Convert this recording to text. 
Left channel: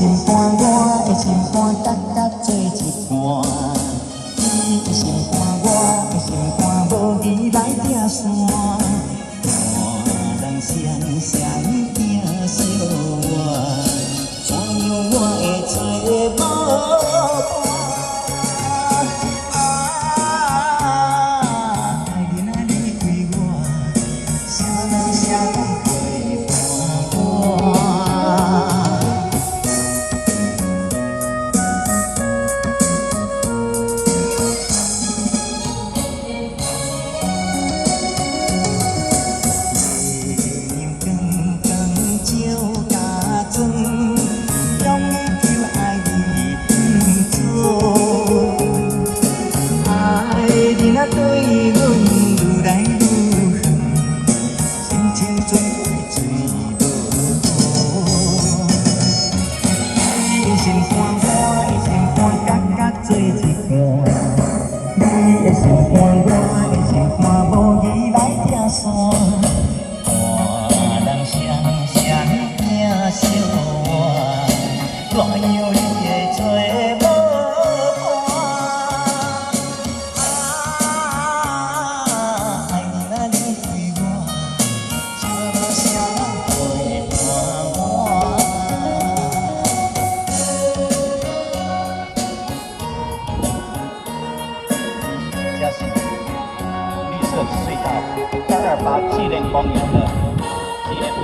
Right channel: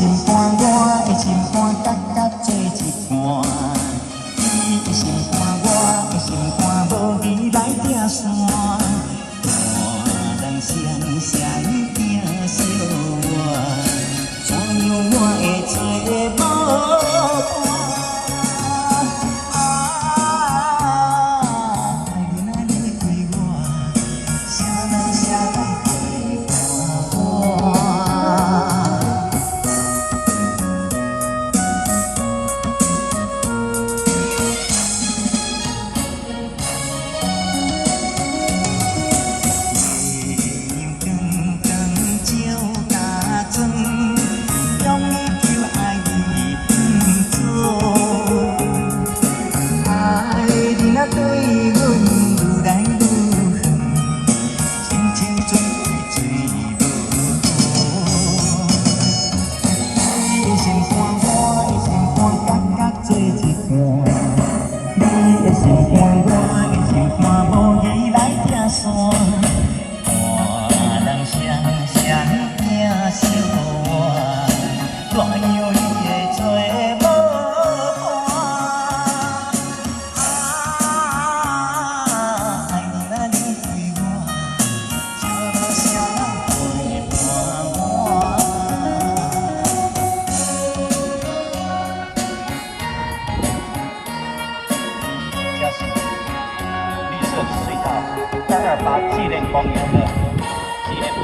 心肝，我的心肝，搭搭做一盘。你的心肝，我的心肝，无义来拼线。大人相相拼相换，怎样我会找无伴？爱你若离开我，啥人啥人陪伴我？你的心肝，我的心肝，无义来拼线。大人相相拼相换，怎样你会做无伴？爱你若离开我，啥人啥人陪伴我？这是绿色的隧道，328巨人公园的铁北。